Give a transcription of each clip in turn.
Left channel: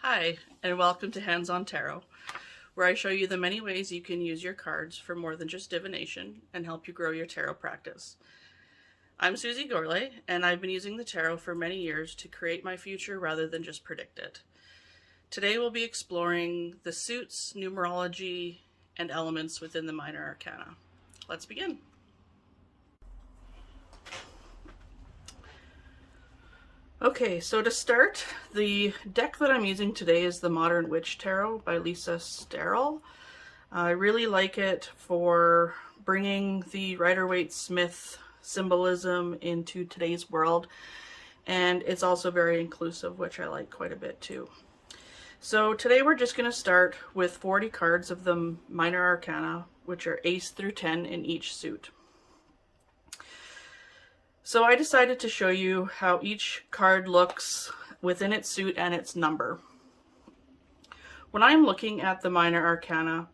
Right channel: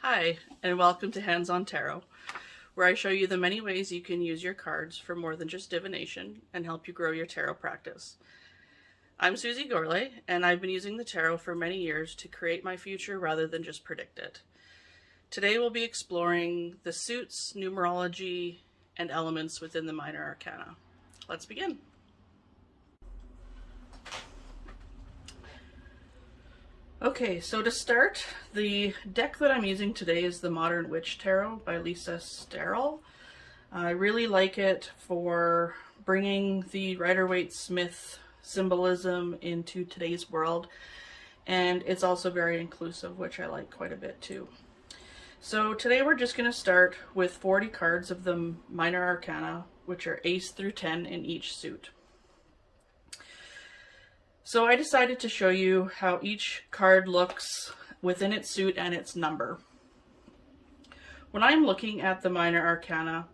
Hi, and welcome to Hands-on Tarot, where I show you the many ways you can use your cards for more than just divination and help you grow your tarot practice. I'm Susie Gourlay, and I've been using the tarot for many years to create my future rather than just predict it. Today we'll be exploring the suits, numerology, and elements within the minor arcana. Let's begin. Okay, so to start, the deck that I'm using today is the Modern Witch Tarot by Lisa Sterle. I really like it for bringing the Rider-Waite-Smith symbolism into today's world, and it's also very inclusive, which I like quite a bit too. So today we're just going to start with 40 cards of the Minor Arcana, which are Ace through 10 in each suit. So I decided to show you how each card looks within its suit and its number. When I'm looking at the Minor Arcana,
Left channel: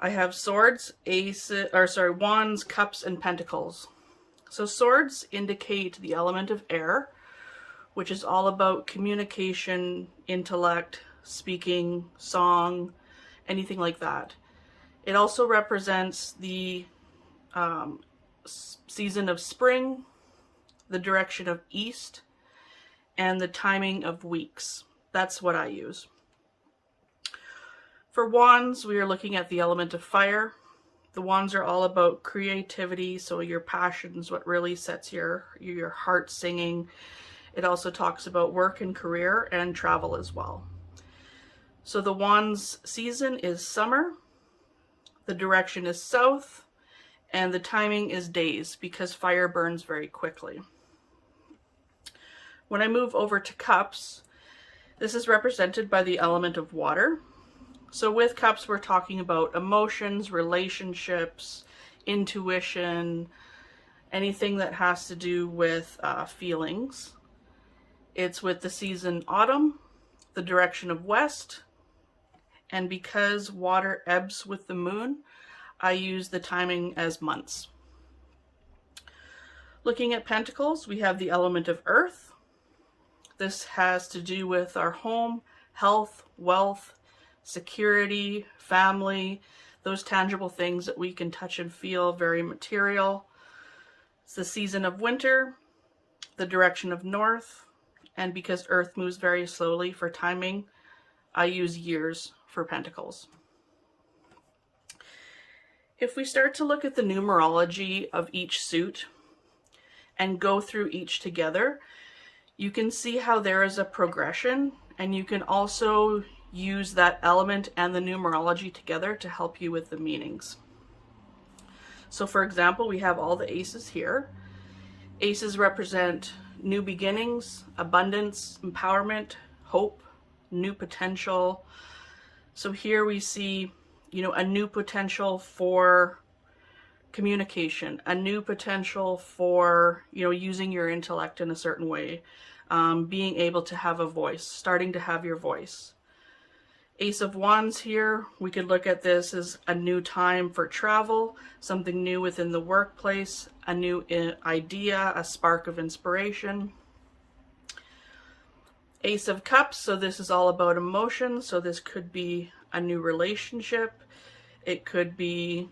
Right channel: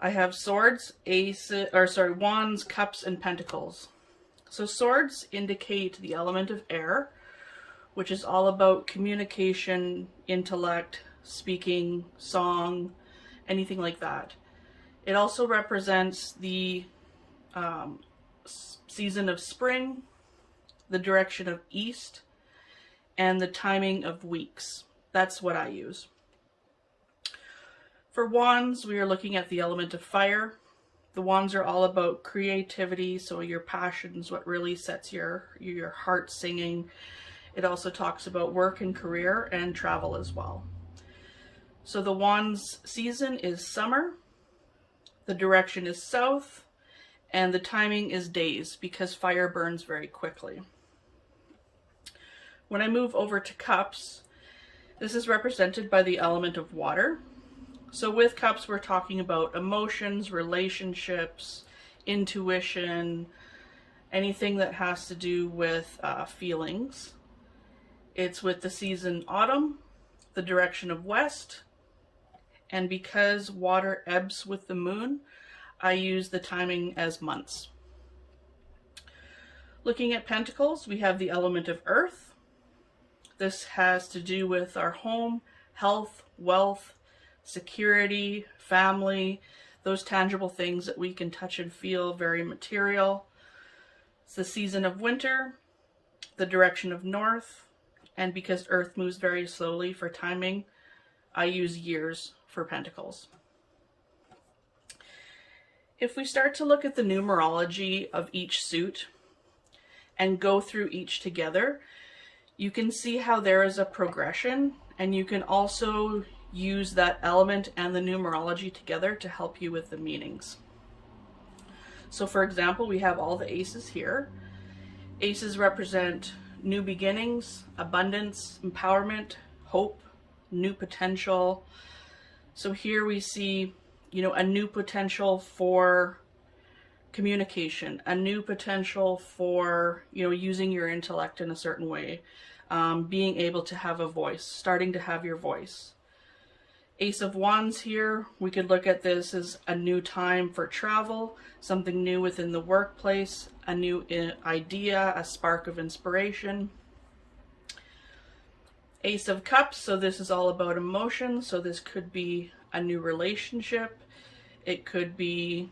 I have swords, wands, cups, and pentacles. So swords indicate the element of air, which is all about communication, intellect, speaking, song, anything like that. It also represents the season of spring, the direction of east, and the timing of weeks. That's what I use. For wands, we are looking at the element of fire. The wands are all about creativity, so your passions, what really sets your heart singing. It also talks about work and career and travel as well. So the wands season is summer, the direction is south, and the timing is days because fire burns very quickly. When I move over to cups, this is represented by the element of water. So with cups, we're talking about emotions, relationships, intuition, anything that has to do with feelings. It's with the season autumn, the direction of west, and because water ebbs with the moon, I use the timing as months. Looking at pentacles, we have the element of earth. This has to do with our home, health, wealth, security, family, those tangible things that we can touch and feel, very material. It's the season of winter, the direction of north, and because earth moves very slowly for timing, I use years for pentacles. If we start to look at the numerology of each suit and go through each together, you can see how there is a progression, and you can also use that element and the numerology together to help you with the meanings. So for example, we have all the aces here. Aces represent new beginnings, abundance, empowerment, hope, new potential. So here we see, a new potential for communication, a new potential for, using your intellect in a certain way, being able to have a voice, starting to have your voice. Ace of Wands here, we could look at this as a new time for travel, something new within the workplace, a new idea, a spark of inspiration. Ace of Cups, so this is all about emotion, so this could be a new relationship, it could be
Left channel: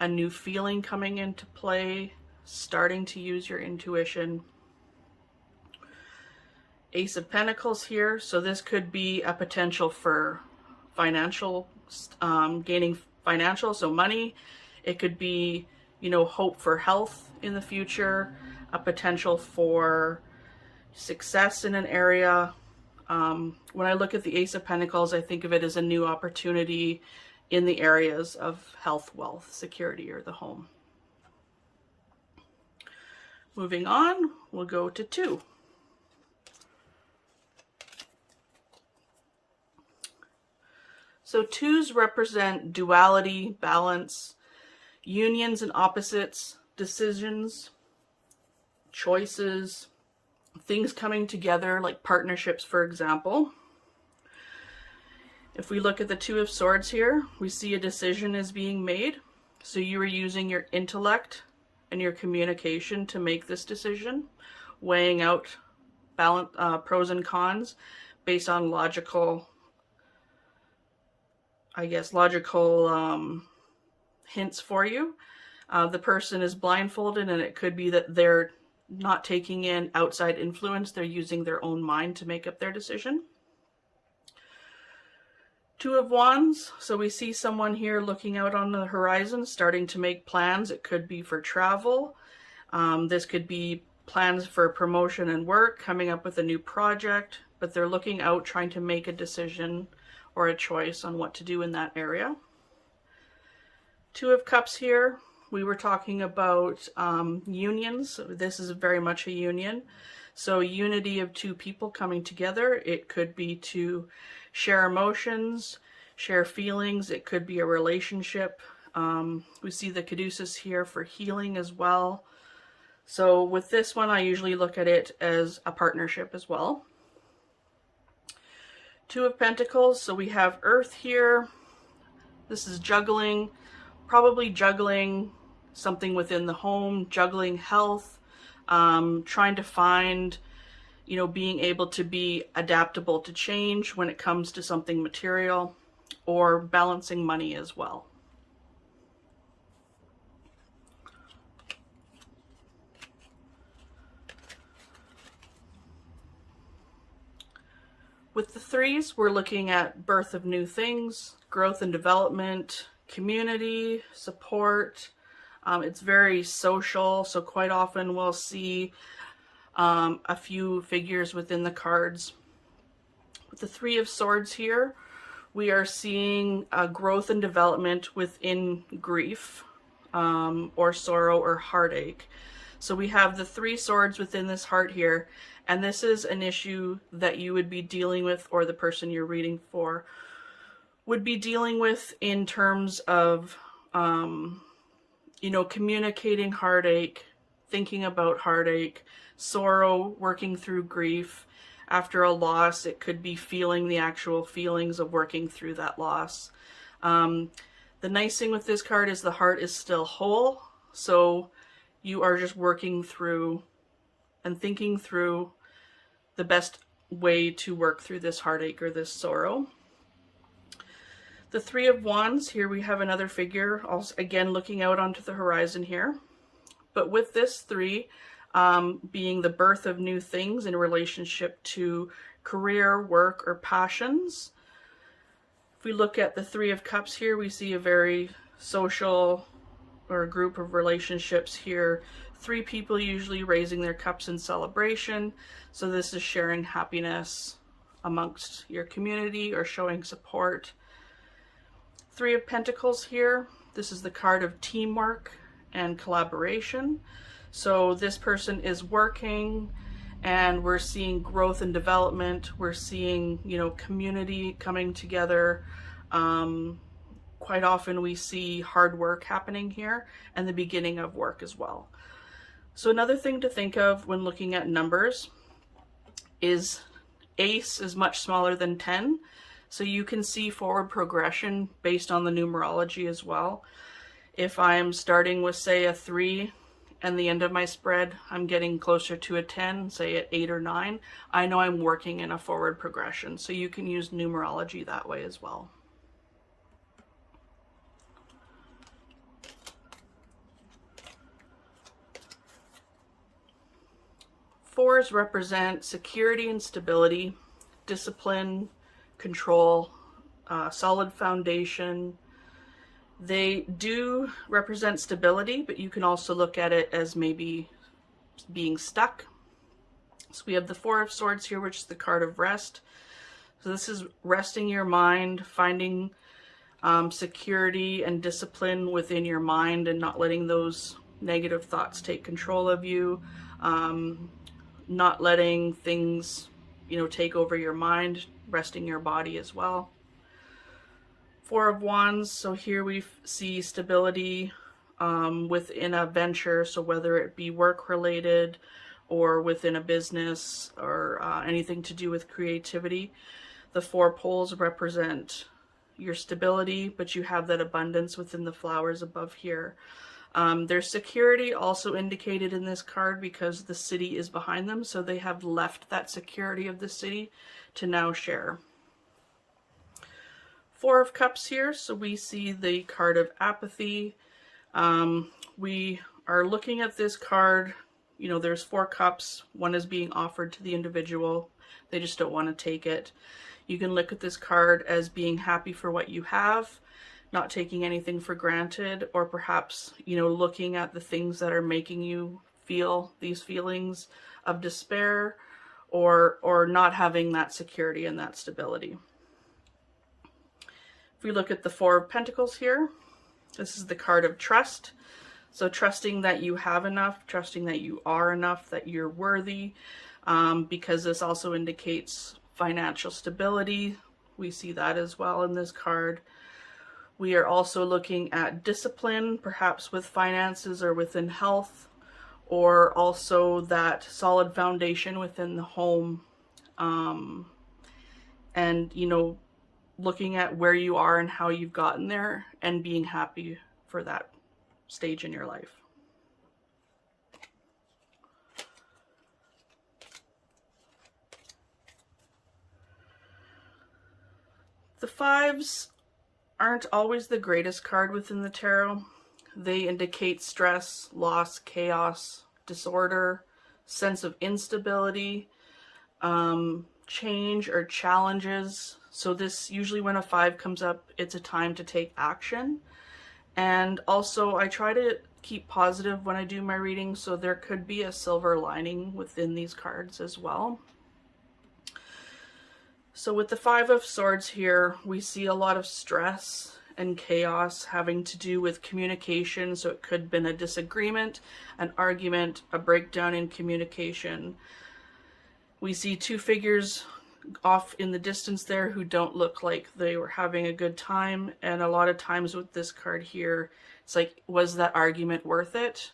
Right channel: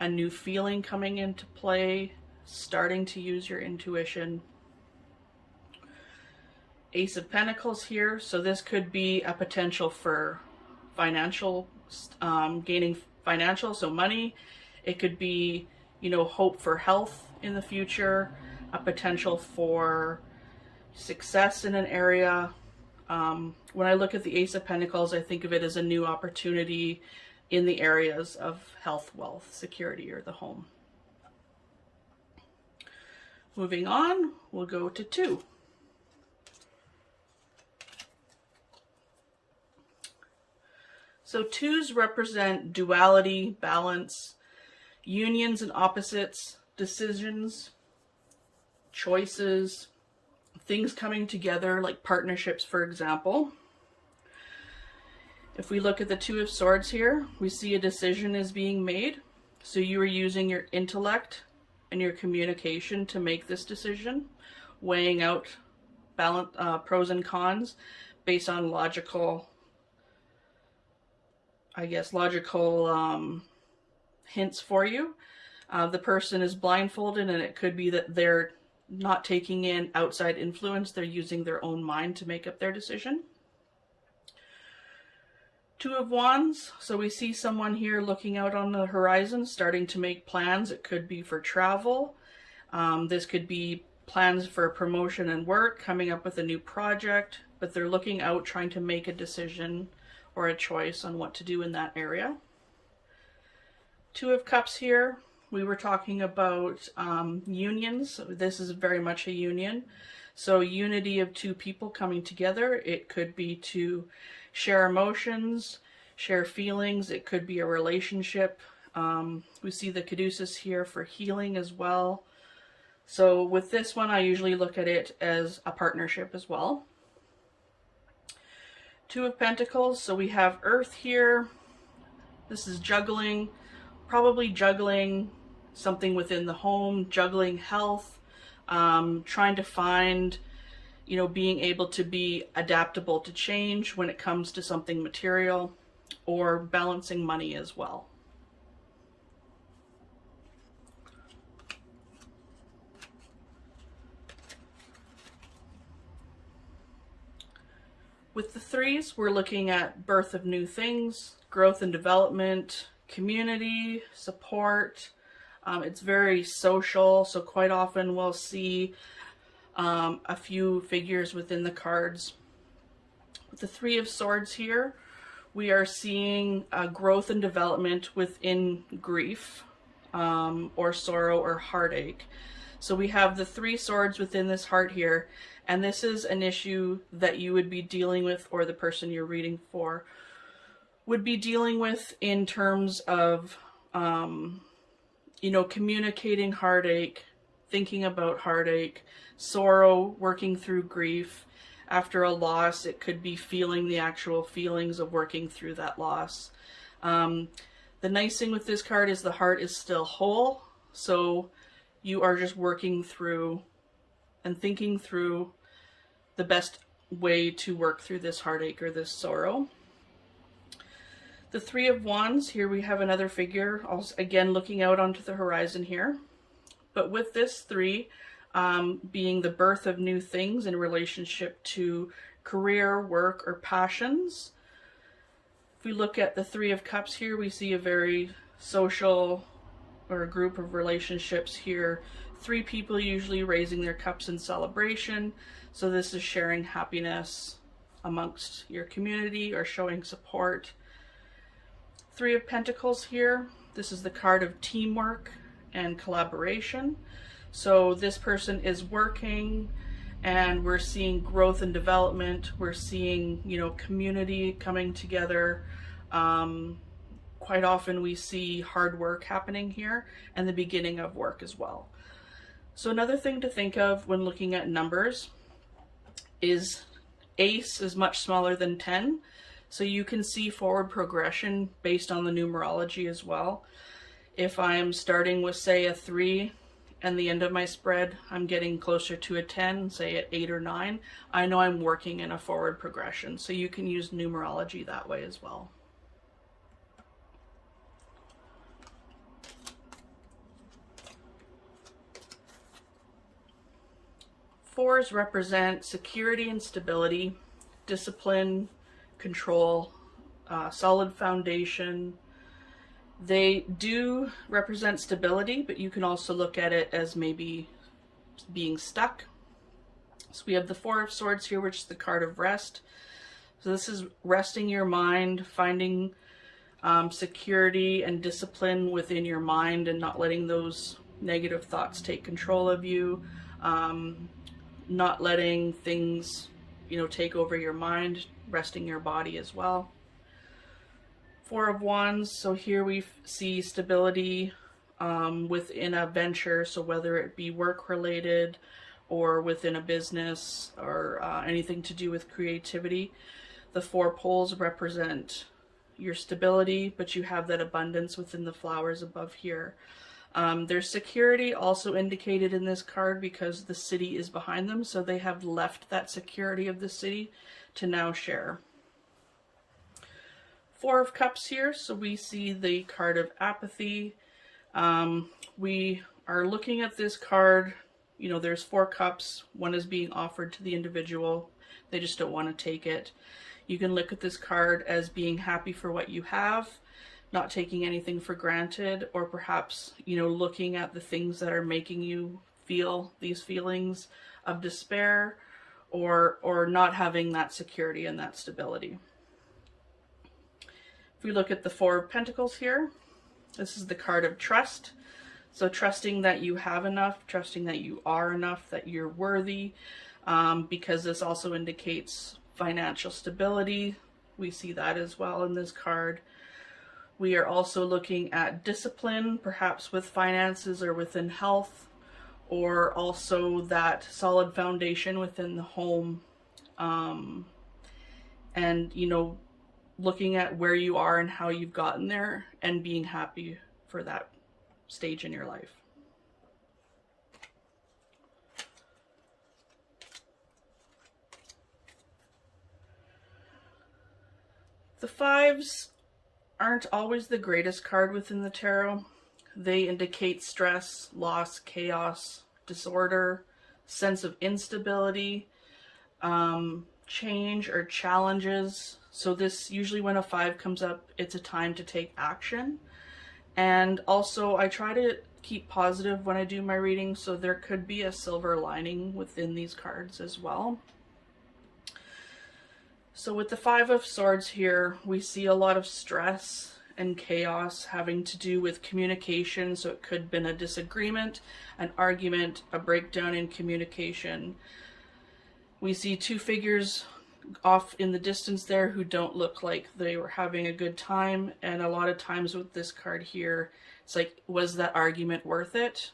a new feeling coming into play, starting to use your intuition. Ace of Pentacles here, so this could be a potential for financial, gaining financial, so money. It could be, hope for health in the future, a potential for success in an area. When I look at the Ace of Pentacles, I think of it as a new opportunity in the areas of health, wealth, security, or the home. Moving on, we'll go to 2. So 2s represent duality, balance, unions and opposites, decisions, choices, things coming together, like partnerships, for example. If we look at the 2 of Swords here, we see a decision is being made. So you are using your intellect and your communication to make this decision, weighing out pros and cons, based on logical, I guess, logical hints for you. The person is blindfolded, and it could be that they're not taking in outside influence. They're using their own mind to make up their decision. Two of Wands. So we see someone here looking out on the horizon, starting to make plans. It could be for travel. This could be plans for promotion and work, coming up with a new project, but they're looking out, trying to make a decision or a choice on what to do in that area. Two of Cups here. We were talking about unions. So this is very much a union. So unity of two people coming together. It could be to share emotions, share feelings. It could be a relationship. We see the caduceus here for healing as well. So with this one, I usually look at it as a partnership as well. Two of Pentacles. So we have Earth here. This is juggling, probably juggling something within the home, juggling health, trying to find, being able to be adaptable to change when it comes to something material, or balancing money as well. With the threes, we're looking at birth of new things, growth and development, community, support. It's very social, so quite often we'll see a few figures within the cards. With the Three of Swords here, we are seeing growth and development within grief or sorrow or heartache. So we have the Three Swords within this heart here, and this is an issue that you would be dealing with, or the person you're reading for would be dealing with, in terms of, communicating heartache, thinking about heartache, sorrow, working through grief. After a loss, it could be feeling the actual feelings of working through that loss. The nice thing with this card is the heart is still whole, so you are just working through and thinking through the best way to work through this heartache or this sorrow. The Three of Wands, here we have another figure, also again looking out onto the horizon here. But with this three being the birth of new things in relationship to career, work, or passions. If we look at the Three of Cups here, we see a very social, or a group of relationships here. Three people usually raising their cups in celebration. So this is sharing happiness amongst your community or showing support. Three of Pentacles here. This is the card of teamwork and collaboration. So this person is working, and we're seeing growth and development. We're seeing, community coming together. Quite often we see hard work happening here, and the beginning of work as well. So another thing to think of when looking at numbers is Ace is much smaller than 10. So you can see forward progression based on the numerology as well. If I'm starting with, say, a 3, and the end of my spread, I'm getting closer to a 10, say at 8 or 9, I know I'm working in a forward progression. So you can use numerology that way as well. Fours represent security and stability, discipline, control, solid foundation. They do represent stability, but you can also look at it as maybe being stuck. So we have the Four of Swords here, which is the card of rest. So this is resting your mind, finding security and discipline within your mind, and not letting those negative thoughts take control of you. Not letting things, take over your mind, resting your body as well. Four of Wands, so here we see stability within a venture, so whether it be work related or within a business or anything to do with creativity. The four poles represent your stability, but you have that abundance within the flowers above here. There's security also indicated in this card because the city is behind them, so they have left that security of the city to now share. Four of Cups here, so we see the card of apathy. We are looking at this card, you know, there's 4 cups. One is being offered to the individual. They just don't want to take it. You can look at this card as being happy for what you have, not taking anything for granted, or perhaps, you know, looking at the things that are making you feel these feelings of despair, or not having that security and that stability. If we look at the 4 of Pentacles here, this is the card of trust. So trusting that you have enough, trusting that you are enough, that you're worthy, because this also indicates financial stability. We see that as well in this card. We are also looking at discipline, perhaps with finances or within health, or also that solid foundation within the home. And, you know, looking at where you are and how you've gotten there and being happy for that stage in your life. The 5s aren't always the greatest card within the tarot. They indicate stress, loss, chaos, disorder, sense of instability, change or challenges. So this, usually when a 5 comes up, it's a time to take action. And also I try to keep positive when I do my reading, so there could be a silver lining within these cards as well. So with the 5 of Swords here, we see a lot of stress and chaos having to do with communication. So it could have been a disagreement, an argument, a breakdown in communication. We see 2 figures off in the distance there who don't look like they were having a good time. And a lot of times with this card here, it's like, was that argument worth it?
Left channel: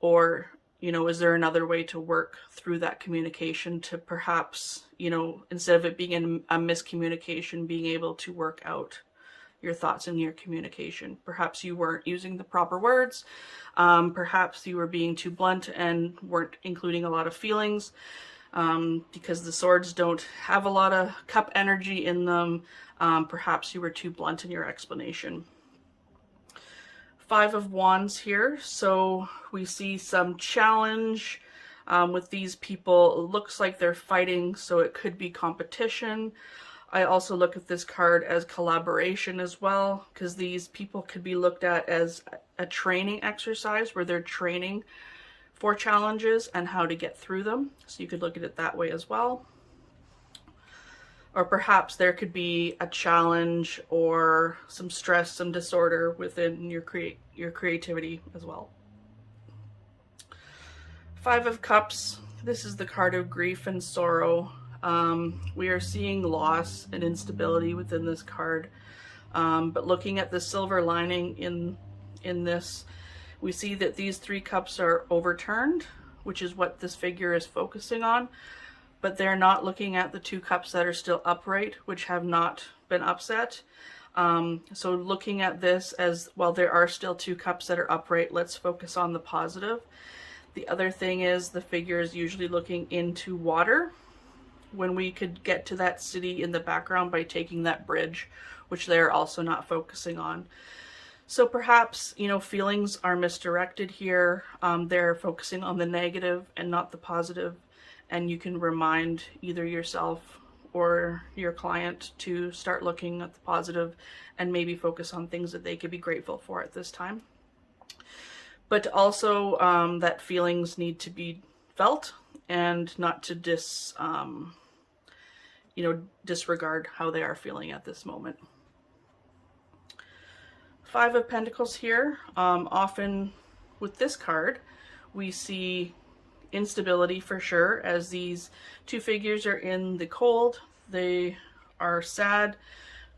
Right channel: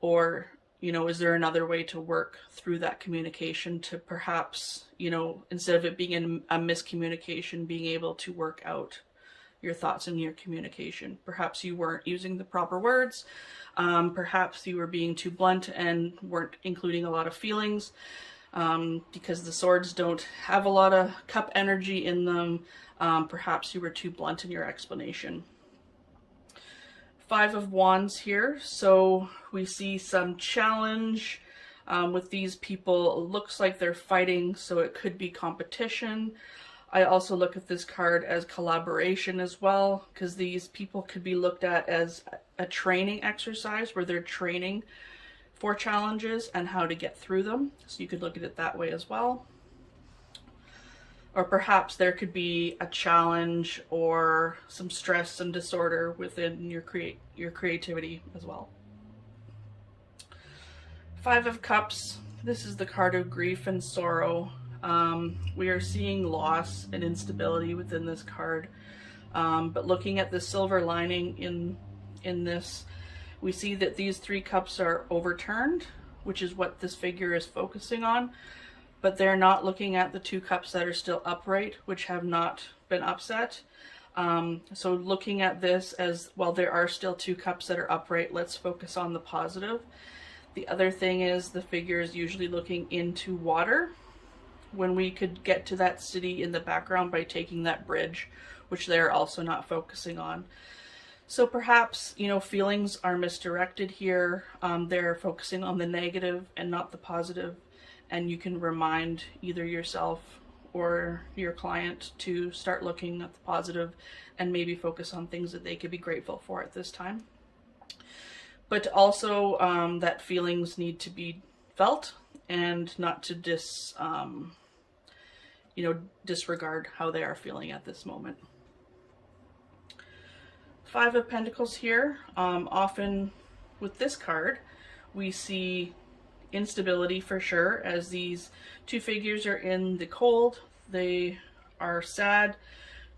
Or, you know, is there another way to work through that communication to perhaps, you know, instead of it being a miscommunication, being able to work out your thoughts in your communication. Perhaps you weren't using the proper words. Perhaps you were being too blunt and weren't including a lot of feelings. Because the swords don't have a lot of cup energy in them. Perhaps you were too blunt in your explanation. 5 of Wands here. So we see some challenge with these people. It looks like they're fighting, so it could be competition. I also look at this card as collaboration as well, because these people could be looked at as a training exercise where they're training for challenges and how to get through them. So you could look at it that way as well. Or perhaps there could be a challenge or some stress, some disorder within your creativity as well. 5 of Cups. This is the card of grief and sorrow. We are seeing loss and instability within this card. But looking at the silver lining in this, we see that these 3 cups are overturned, which is what this figure is focusing on, but they're not looking at the 2 cups that are still upright, which have not been upset. So looking at this as, well, there are still 2 cups that are upright, let's focus on the positive. The other thing is the figure is usually looking into water, when we could get to that city in the background by taking that bridge, which they're also not focusing on. So perhaps, you know, feelings are misdirected here. They're focusing on the negative and not the positive. And you can remind either yourself or your client to start looking at the positive and maybe focus on things that they could be grateful for at this time. But also that feelings need to be felt and not to disregard how they are feeling at this moment. 5 of Pentacles here. Often with this card, we see instability for sure, as these 2 figures are in the cold. They are sad.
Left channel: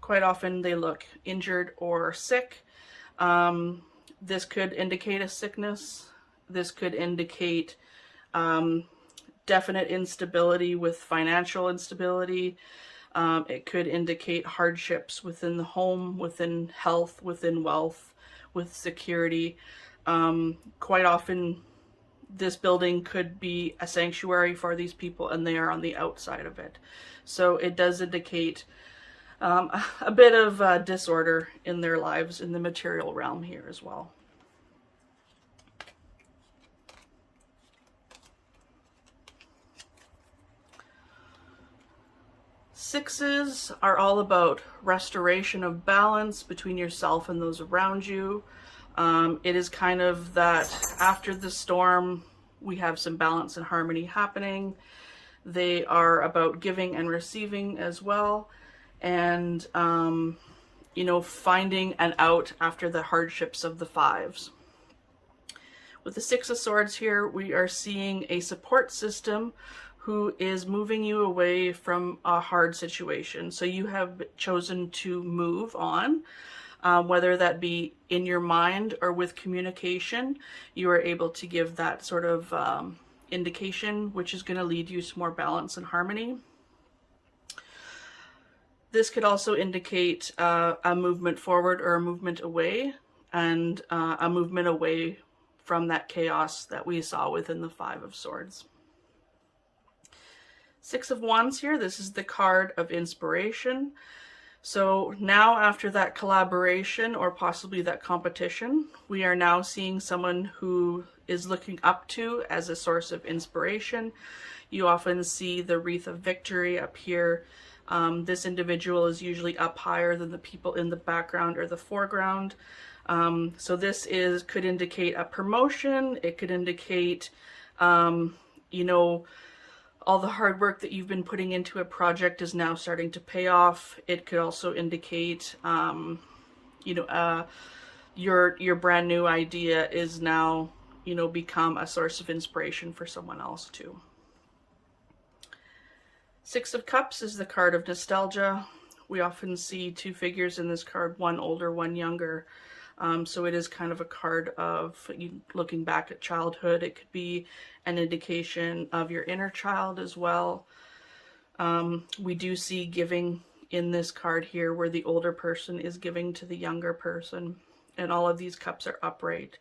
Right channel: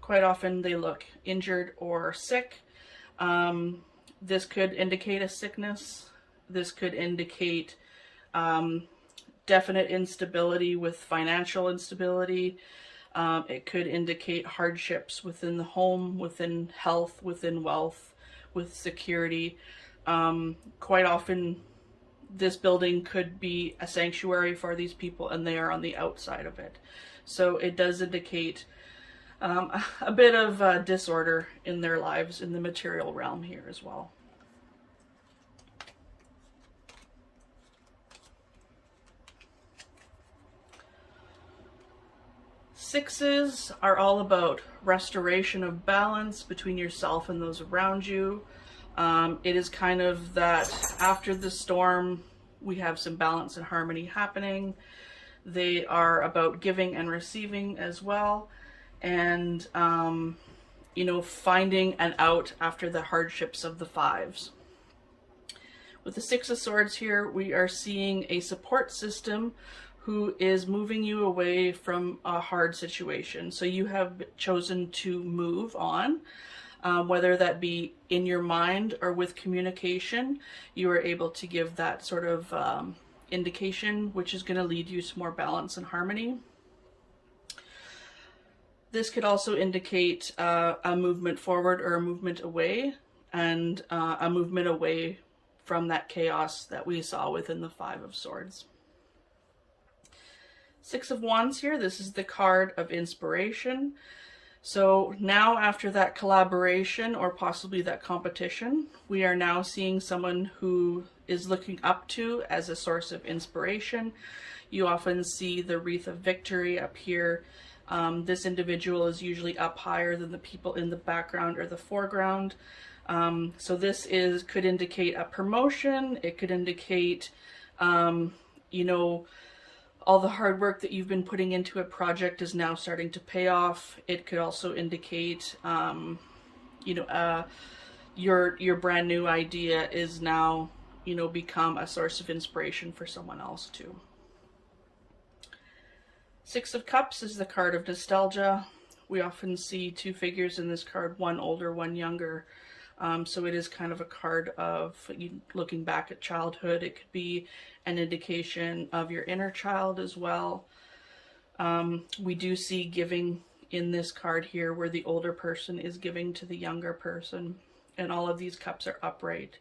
Quite often they look injured or sick. This could indicate a sickness. This could indicate definite instability with financial instability. It could indicate hardships within the home, within health, within wealth, with security. Quite often this building could be a sanctuary for these people and they are on the outside of it. So it does indicate a bit of disorder in their lives in the material realm here as well. Sixes are all about restoration of balance between yourself and those around you. It is kind of that after the storm, we have some balance and harmony happening. They are about giving and receiving as well. And, you know, finding an out after the hardships of the fives. With the Six of Swords here, we are seeing a support system who is moving you away from a hard situation. So you have chosen to move on, whether that be in your mind or with communication. You are able to give that sort of indication, which is going to lead you to more balance and harmony. This could also indicate a movement forward or a movement away, and a movement away from that chaos that we saw within the Five of Swords. Six of Wands here, this is the card of inspiration. So now after that collaboration or possibly that competition, we are now seeing someone who is looking up to as a source of inspiration. You often see the wreath of victory up here. This individual is usually up higher than the people in the background or the foreground. So this could indicate a promotion. It could indicate, you know, all the hard work that you've been putting into a project is now starting to pay off. It could also indicate, you know, your brand new idea is now, you know, become a source of inspiration for someone else too. Six of Cups is the card of nostalgia. We often see two figures in this card, one older, one younger. So it is kind of a card of looking back at childhood. It could be an indication of your inner child as well. We do see giving in this card here, where the older person is giving to the younger person, and all of these cups are upright.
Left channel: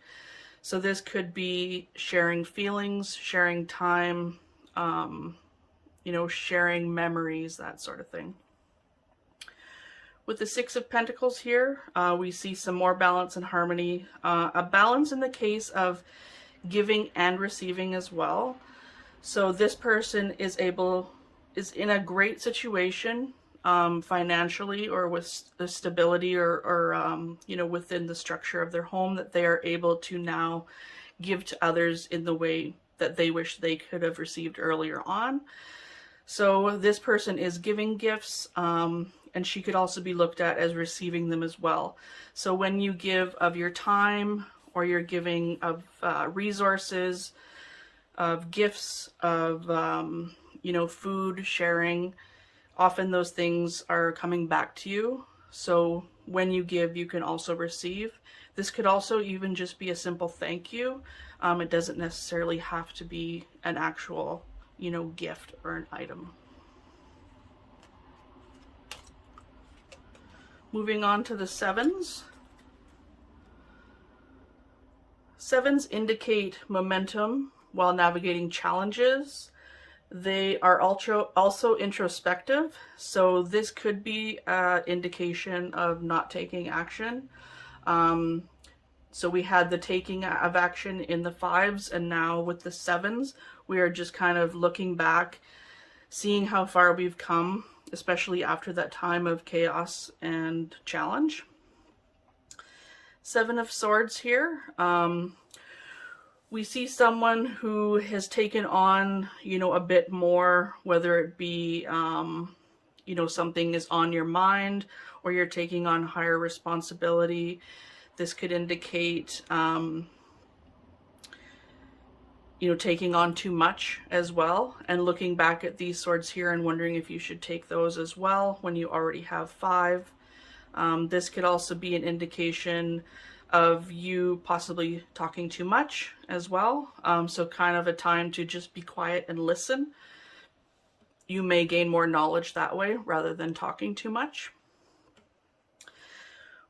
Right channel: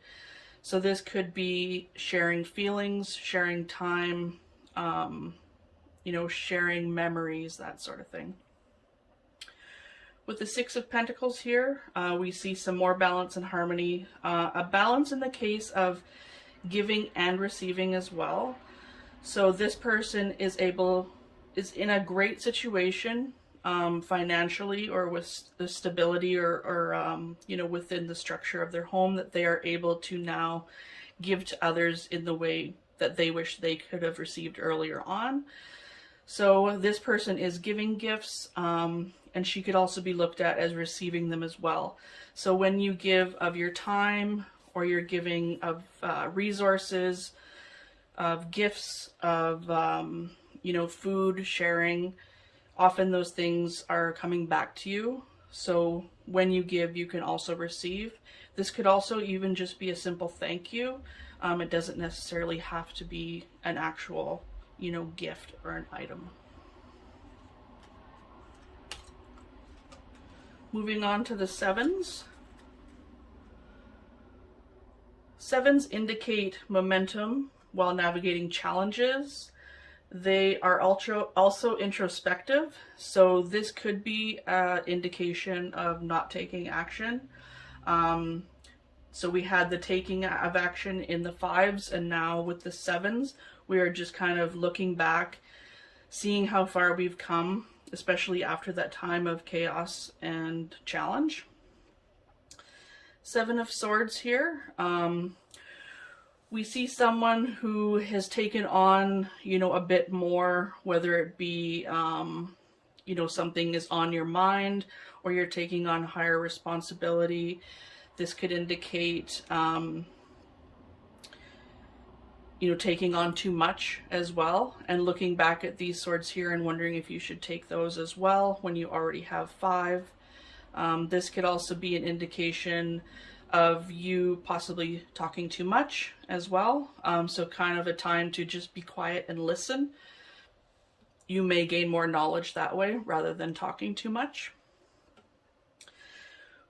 So this could be sharing feelings, sharing time, you know, sharing memories, that sort of thing. With the Six of Pentacles here, we see some more balance and harmony. A balance in the case of giving and receiving as well. So this person is in a great situation financially, or with the stability or you know, within the structure of their home, that they are able to now give to others in the way that they wish they could have received earlier on. So this person is giving gifts, and she could also be looked at as receiving them as well. So when you give of your time, or you're giving of resources, of gifts, of you know, food, sharing, often those things are coming back to you. So when you give, you can also receive. This could also even just be a simple thank you. It doesn't necessarily have to be an actual, you know, gift or an item. Moving on to the sevens. Sevens indicate momentum while navigating challenges. They are also introspective, so this could be an indication of not taking action. So we had the taking of action in the fives, and now with the sevens, we are just kind of looking back, seeing how far we've come, especially after that time of chaos and challenge. Seven of Swords here. We see someone who has taken on, you know, a bit more, whether it be, you know, something is on your mind, or you're taking on higher responsibility. This could indicate, you know, taking on too much as well, and looking back at these swords here and wondering if you should take those as well when you already have five. This could also be an indication of you possibly talking too much as well. So kind of a time to just be quiet and listen. You may gain more knowledge that way rather than talking too much.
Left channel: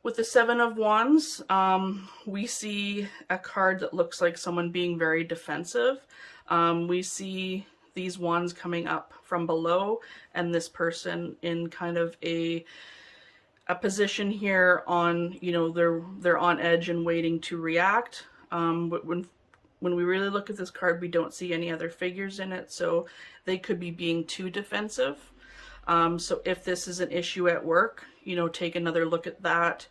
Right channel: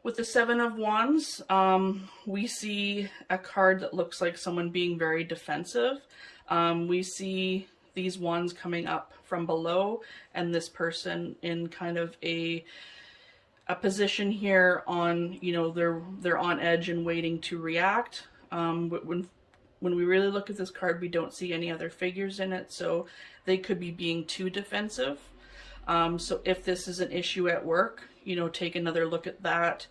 With the Seven of Wands, we see a card that looks like someone being very defensive. We see these wands coming up from below, and this person in kind of a position here on, you know, they're on edge and waiting to react. But when we really look at this card, we don't see any other figures in it, so they could be being too defensive. So if this is an issue at work, you know, take another look at that.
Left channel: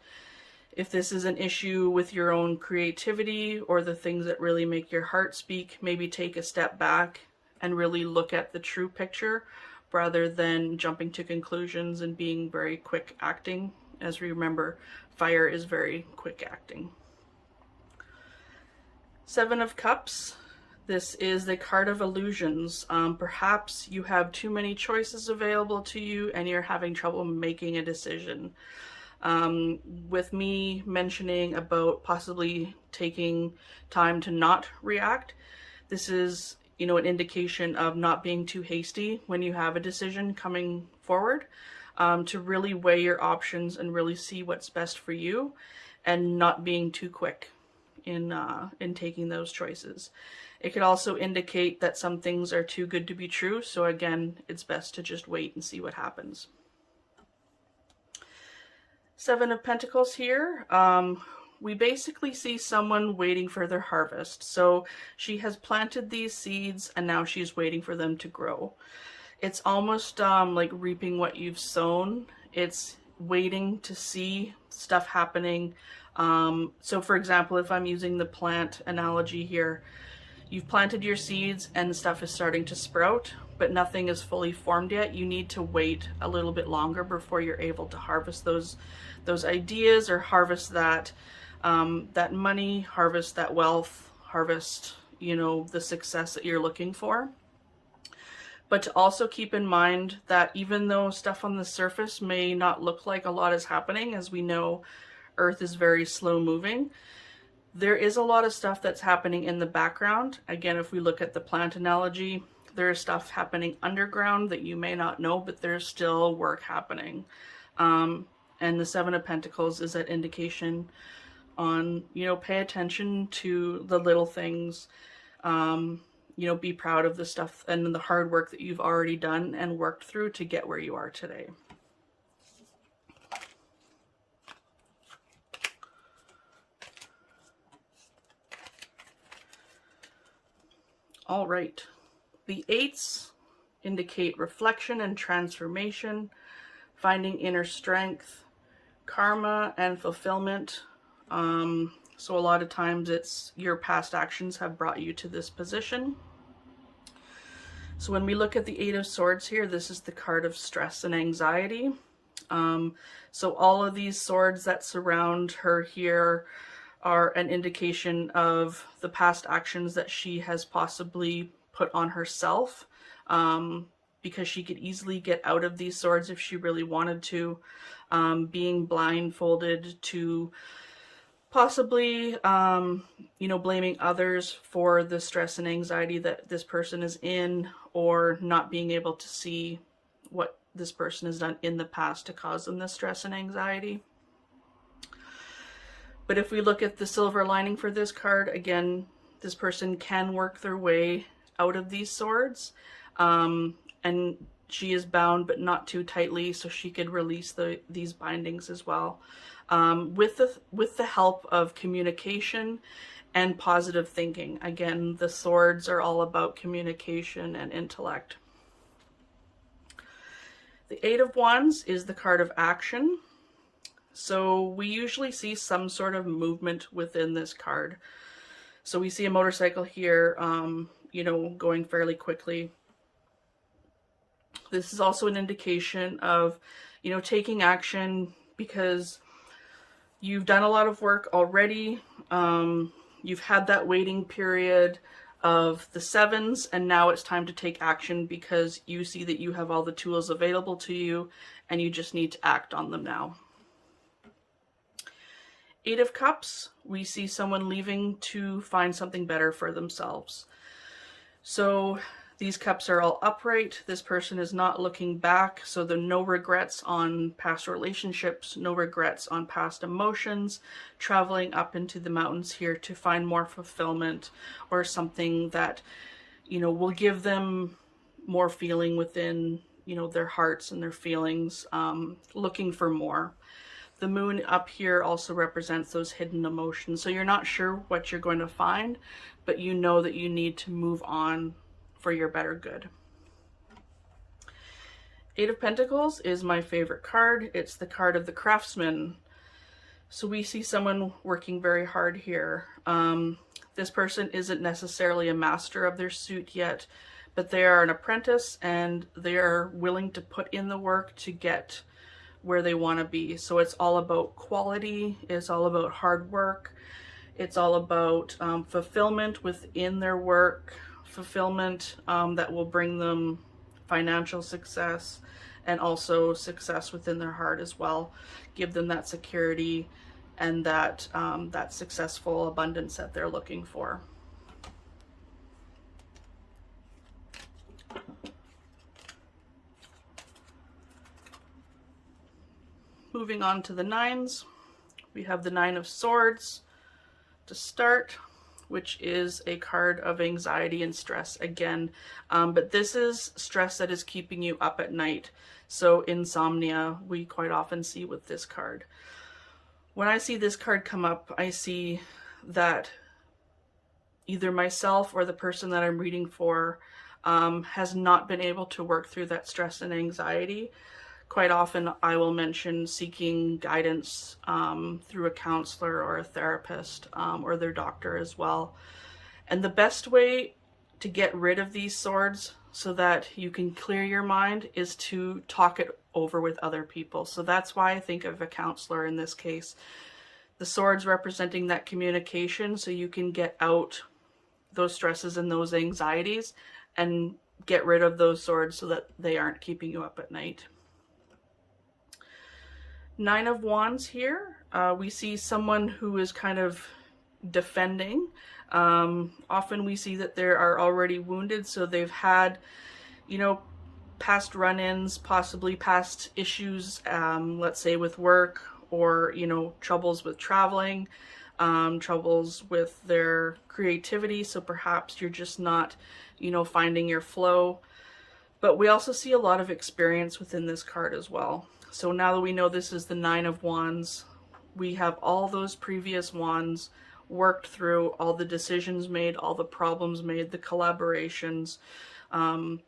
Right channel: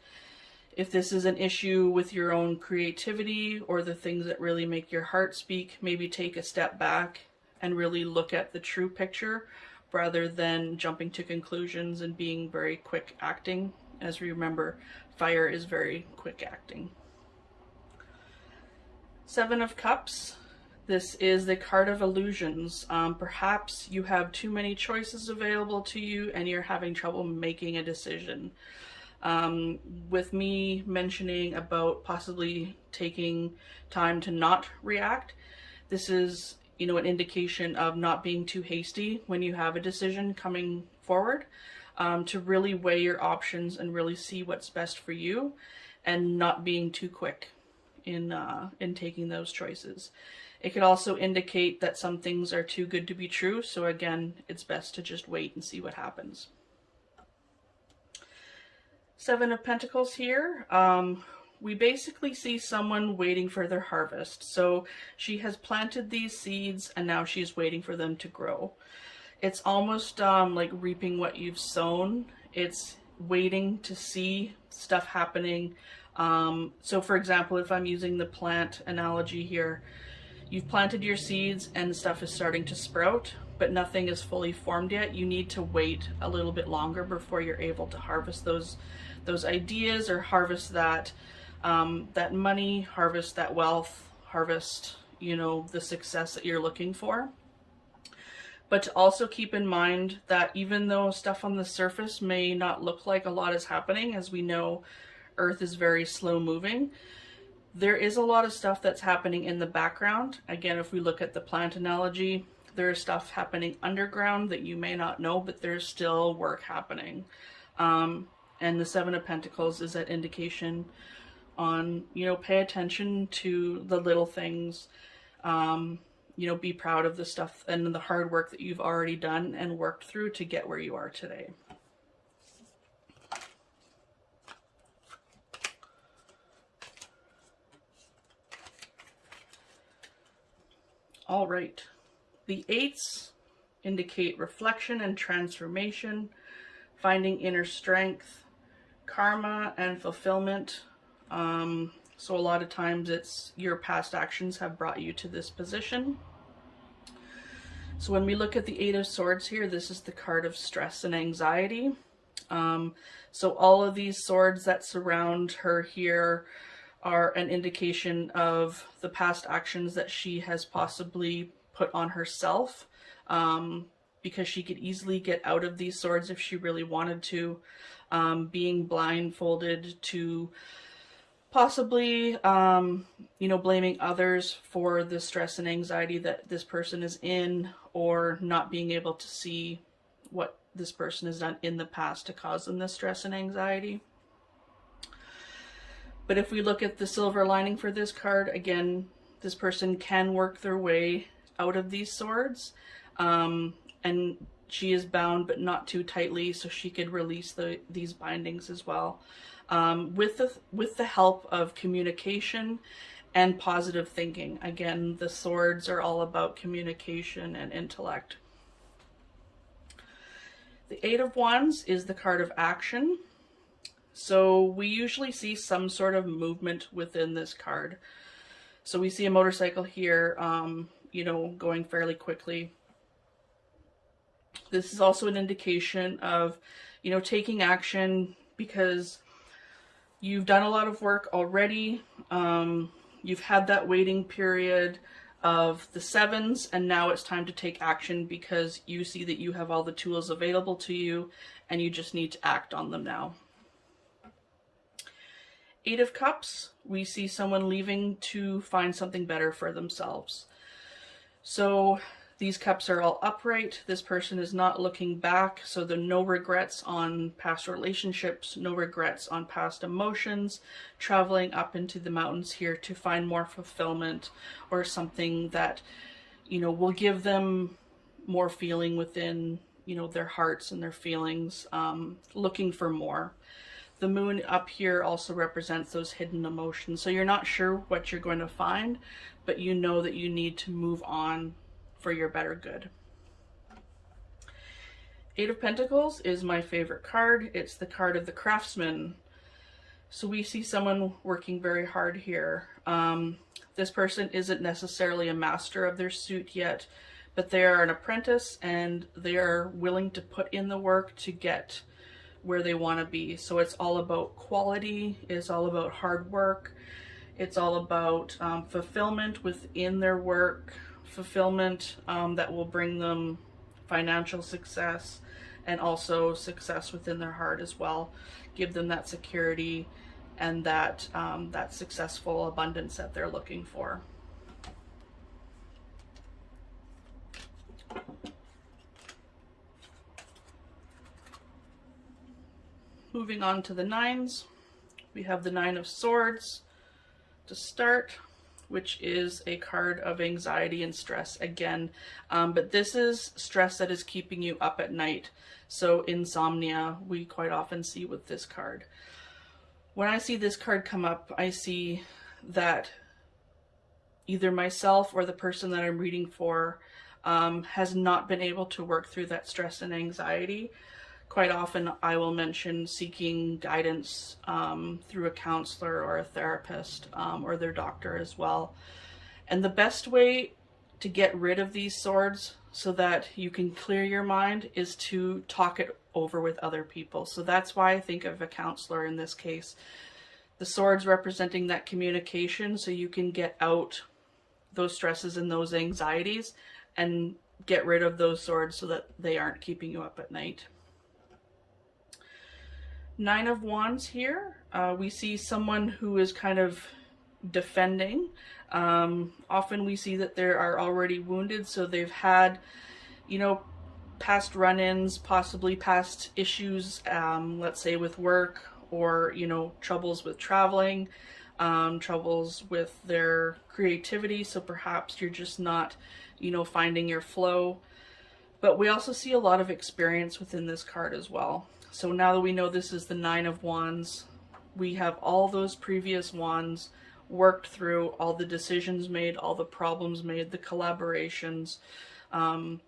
If this is an issue with your own creativity or the things that really make your heart speak, maybe take a step back and really look at the true picture rather than jumping to conclusions and being very quick acting. As we remember, fire is very quick acting. Seven of Cups. This is the card of illusions. Perhaps you have too many choices available to you and you're having trouble making a decision. With me mentioning about possibly taking time to not react, this is, you know, an indication of not being too hasty when you have a decision coming forward, to really weigh your options and really see what's best for you and not being too quick in taking those choices. It could also indicate that some things are too good to be true, so again, it's best to just wait and see what happens. Seven of Pentacles here. We basically see someone waiting for their harvest. So she has planted these seeds and now she's waiting for them to grow. It's almost like reaping what you've sown. It's waiting to see stuff happening. So for example, if I'm using the plant analogy here, you've planted your seeds and stuff is starting to sprout, but nothing is fully formed yet. You need to wait a little bit longer before you're able to harvest those ideas, or harvest that that money, harvest that wealth, harvest, you know, the success that you're looking for. But to also keep in mind that even though stuff on the surface may not look like a lot is happening, as we know, Earth is very slow moving, there is a lot of stuff that's happening in the background. Again, if we look at the plant analogy, there's stuff happening underground that you may not know, but there's still work happening. And the Seven of Pentacles is that indication on, you know, pay attention to the little things, you know, be proud of the stuff and the hard work that you've already done and worked through to get where you are today. All right. The eights indicate reflection and transformation, finding inner strength, karma, and fulfillment. So a lot of times it's your past actions have brought you to this position. So when we look at the Eight of Swords here, this is the card of stress and anxiety. So all of these swords that surround her here are an indication of the past actions that she has possibly put on herself, because she could easily get out of these swords if she really wanted to, being blindfolded to possibly, you know, blaming others for the stress and anxiety that this person is in, or not being able to see what this person has done in the past to cause them the stress and anxiety. But if we look at the silver lining for this card, again, this person can work their way out of these swords, and she is bound but not too tightly, so she could release these bindings as well, with the help of communication and positive thinking. Again, the swords are all about communication and intellect. The Eight of Wands is the card of action. So we usually see some sort of movement within this card. So we see a motorcycle here, you know, going fairly quickly. This is also an indication of, you know, taking action because you've done a lot of work already. You've had that waiting period of the sevens, and now it's time to take action because you see that you have all the tools available to you and you just need to act on them now. Eight of Cups, we see someone leaving to find something better for themselves. So these cups are all upright. This person is not looking back, so there are no regrets on past relationships, no regrets on past emotions, traveling up into the mountains here to find more fulfillment or something that, you know, will give them more feeling within, you know, their hearts and their feelings, looking for more. The moon up here also represents those hidden emotions. So you're not sure what you're going to find, but you know that you need to move on for your better good. Eight of Pentacles is my favorite card. It's the card of the craftsman. So we see someone working very hard here. This person isn't necessarily a master of their suit yet, but they are an apprentice and they are willing to put in the work to get where they want to be. So it's all about quality, it's all about hard work, it's all about fulfillment within their work, fulfillment that will bring them financial success and also success within their heart as well. Give them that security and that that successful abundance that they're looking for. Moving on to the nines, we have the Nine of Swords to start, which is a card of anxiety and stress again. But this is stress that is keeping you up at night. So insomnia, we quite often see with this card. When I see this card come up, I see that either myself or the person that I'm reading for has not been able to work through that stress and anxiety. Quite often I will mention seeking guidance through a counselor or a therapist or their doctor as well. And the best way to get rid of these swords so that you can clear your mind is to talk it over with other people. So that's why I think of a counselor in this case. The swords representing that communication, so you can get out those stresses and those anxieties and get rid of those swords so that they aren't keeping you up at night. Nine of Wands here. We see someone who is kind of defending. Often we see that they are already wounded, so they've had, you know, past run-ins, possibly past issues, let's say with work, or, you know, troubles with traveling, troubles with their creativity. So perhaps you're just not, you know, finding your flow. But we also see a lot of experience within this card as well. So now that we know this is the Nine of Wands, we have all those previous wands worked through, all the decisions made, all the problems made, the collaborations. And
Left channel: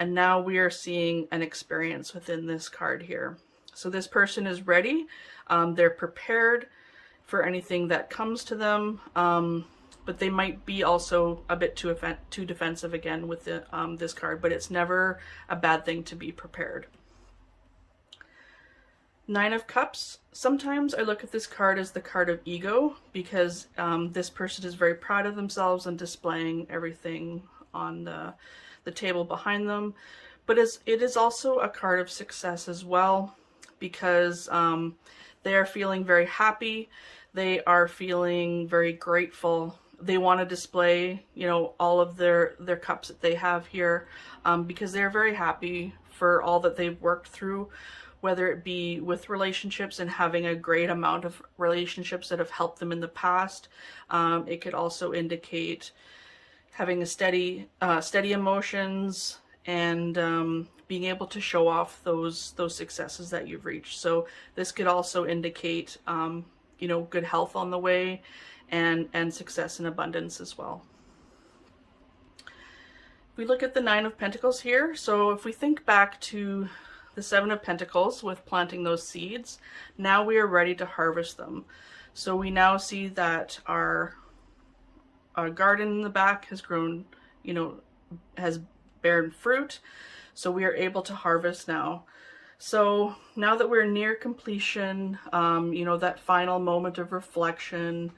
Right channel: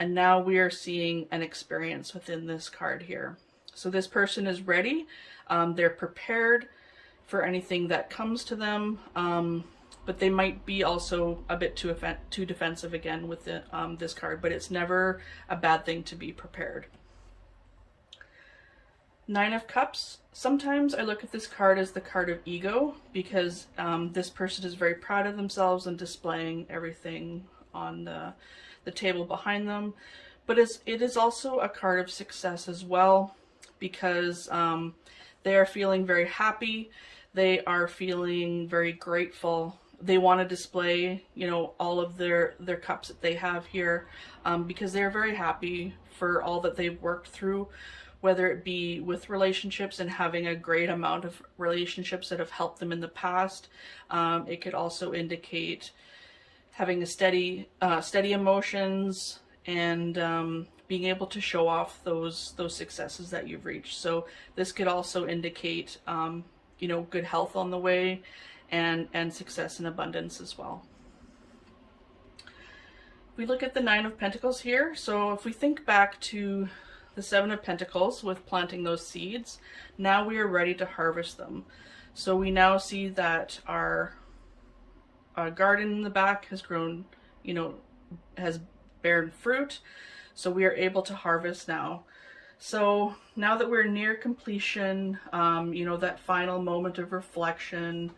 now we are seeing an experience within this card here. So this person is ready. They're prepared for anything that comes to them. But they might be also a bit too defensive again with this card. But it's never a bad thing to be prepared. Nine of Cups. Sometimes I look at this card as the card of ego, because this person is very proud of themselves and displaying everything on the table behind them. But it is also a card of success as well, because they are feeling very happy. They are feeling very grateful. They want to display, you know, all of their cups that they have here, because they're very happy for all that they've worked through, whether it be with relationships and having a great amount of relationships that have helped them in the past. It could also indicate having a steady emotions and being able to show off those successes that you've reached. So this could also indicate, you know, good health on the way and success and abundance as well. We look at the Nine of Pentacles here. So if we think back to the Seven of Pentacles with planting those seeds, now we are ready to harvest them. So we now see that our garden in the back has grown, you know, has borne fruit. So we are able to harvest now. So now that we're near completion, you know, that final moment of reflection,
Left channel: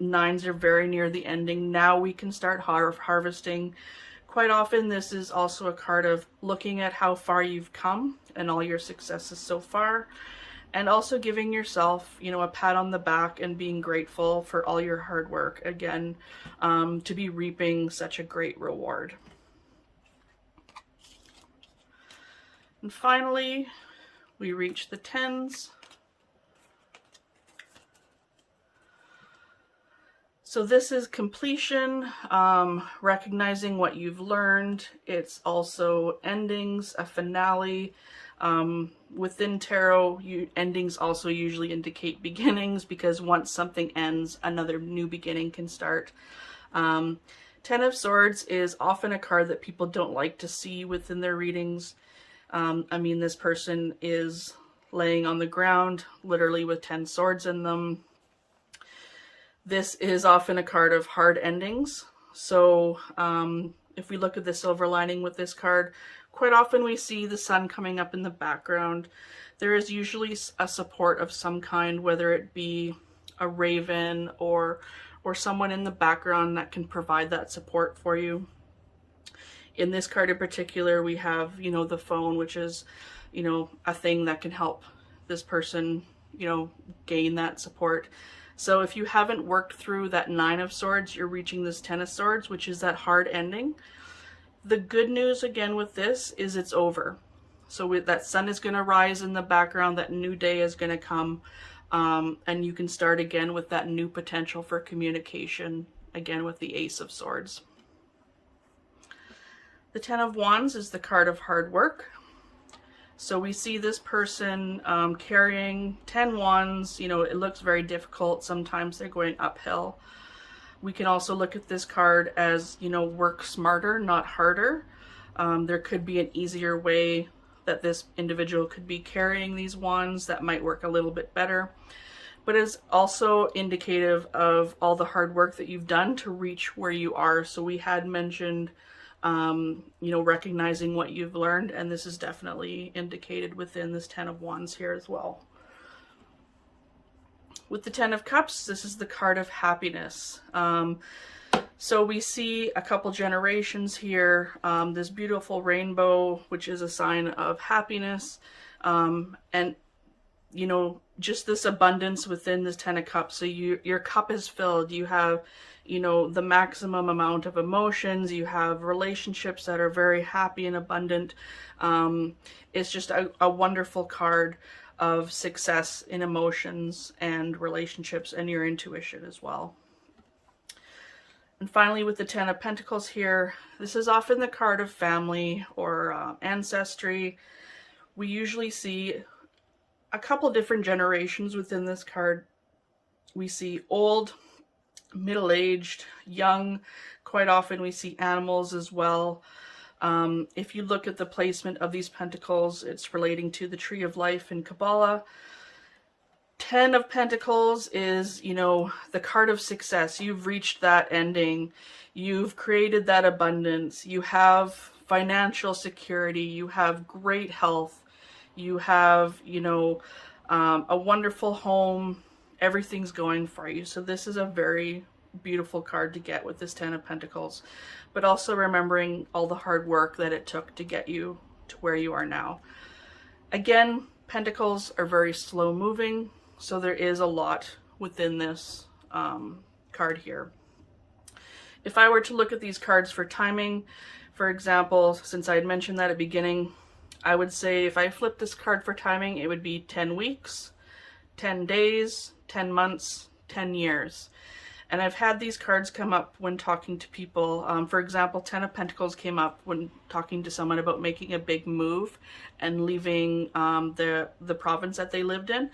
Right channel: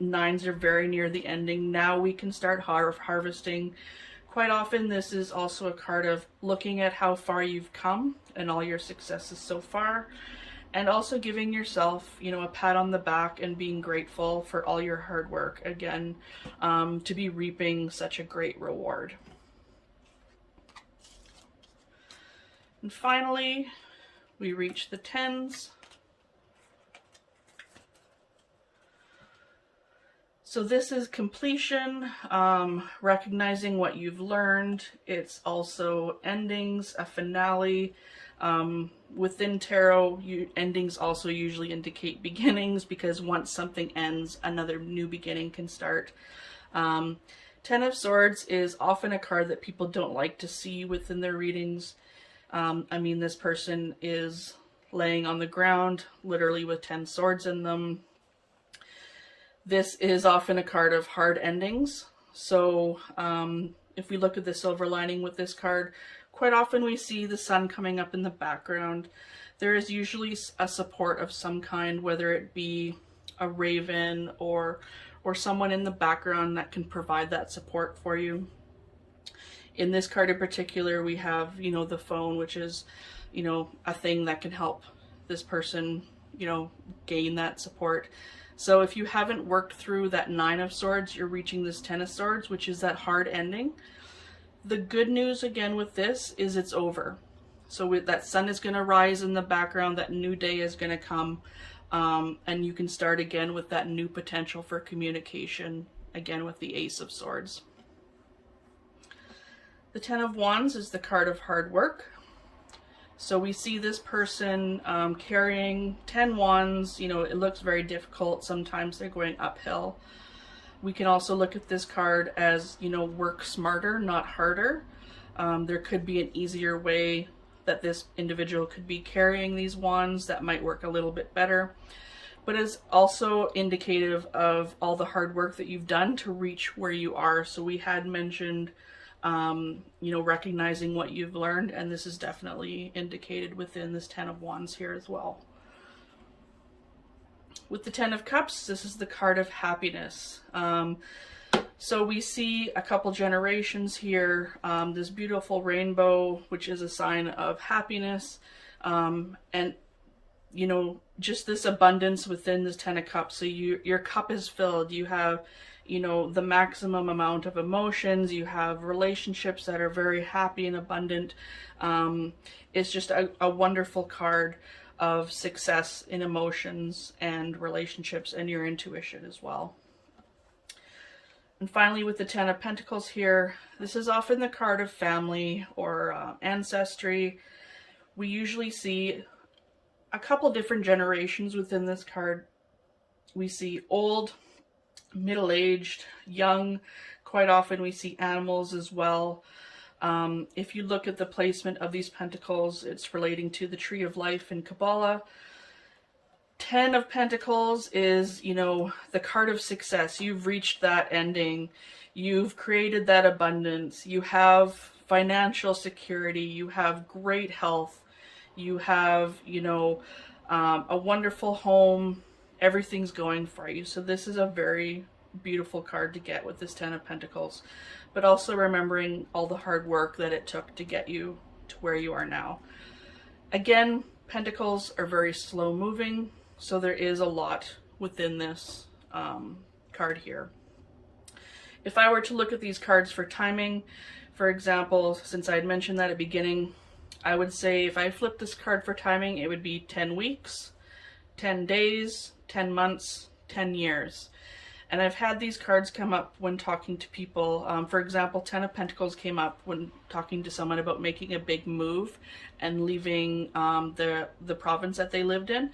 nines are very near the ending. Now we can start harvesting. Quite often this is also a card of looking at how far you've come and all your successes so far, and also giving yourself, you know, a pat on the back and being grateful for all your hard work, again, to be reaping such a great reward. And finally, we reach the tens. So this is completion, recognizing what you've learned. It's also endings, a finale. Within tarot, endings also usually indicate beginnings, because once something ends, another new beginning can start. Ten of Swords is often a card that people don't like to see within their readings. I mean, this person is laying on the ground, literally with 10 swords in them. This is often a card of hard endings. So if we look at the silver lining with this card, quite often we see the sun coming up in the background. There is usually a support of some kind, whether it be a raven or someone in the background that can provide that support for you. In this card in particular, we have, you know, the phone, which is, you know, a thing that can help this person, you know, gain that support. So if you haven't worked through that 9 of Swords, you're reaching this 10 of Swords, which is that hard ending. The good news again with this is it's over. So that sun is going to rise in the background, that new day is going to come, and you can start again with that new potential for communication, again with the Ace of Swords. The 10 of Wands is the card of hard work. So we see this person carrying 10 wands. You know, it looks very difficult. Sometimes they're going uphill. We can also look at this card as, you know, work smarter, not harder. There could be an easier way that this individual could be carrying these wands that might work a little bit better. But it's also indicative of all the hard work that you've done to reach where you are. So we had mentioned, you know, recognizing what you've learned, and this is definitely indicated within this 10 of Wands here as well. With the 10 of Cups, this is the card of happiness. So we see a couple generations here, this beautiful rainbow, which is a sign of happiness, and you know, just this abundance within this 10 of Cups. So your cup is filled. You have, you know, the maximum amount of emotions. You have relationships that are very happy and abundant. It's just a wonderful card of success in emotions and relationships and your intuition as well. And finally, with the 10 of Pentacles here, this is often the card of family or ancestry. We usually see a couple different generations within this card. We see old, middle-aged, young. Quite often we see animals as well. If you look at the placement of these pentacles, it's relating to the Tree of Life in Kabbalah. 10 of Pentacles is, you know, the card of success. You've reached that ending. You've created that abundance. You have financial security. You have great health. You have, you know, a wonderful home. Everything's going for you. So this is a very beautiful card to get with this 10 of Pentacles, but also remembering all the hard work that it took to get you to where you are now. Again, Pentacles are very slow moving, so there is a lot within this card here. If I were to look at these cards for timing, for example, since I had mentioned that at the beginning, I would say if I flipped this card for timing, it would be 10 weeks, 10 days, 10 months, 10 years. And I've had these cards come up when talking to people. For example, 10 of Pentacles came up when talking to someone about making a big move and leaving the province that they lived in.